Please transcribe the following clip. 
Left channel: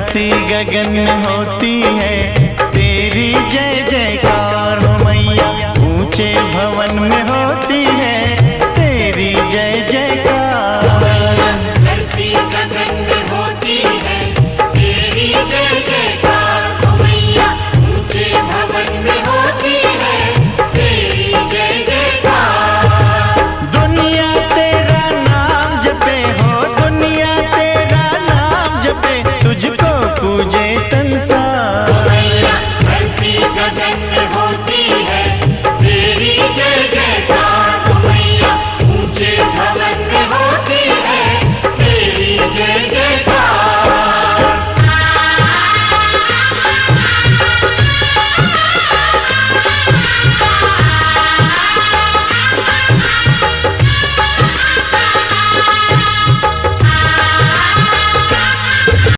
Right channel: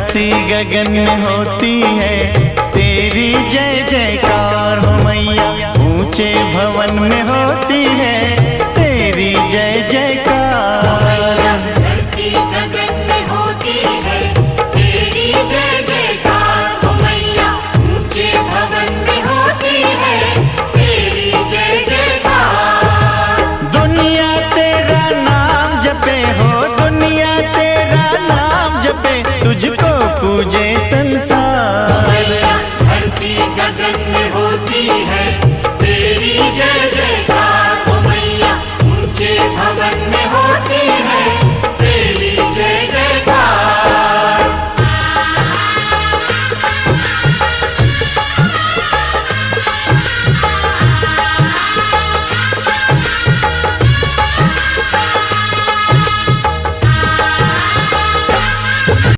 धरती गगन में होती है तेरी जय जयकार हो मैया। ऊंचे भवन में होती है तेरी जय जयकार। धरती गगन में होती है तेरी जय जयकार हो मैया। ऊंचे भवन में होती है तेरी जय जयकार। दुनिया तेरा नाम जपे हो, दुनिया तेरा नाम जपे, तुझको पूजे संसार।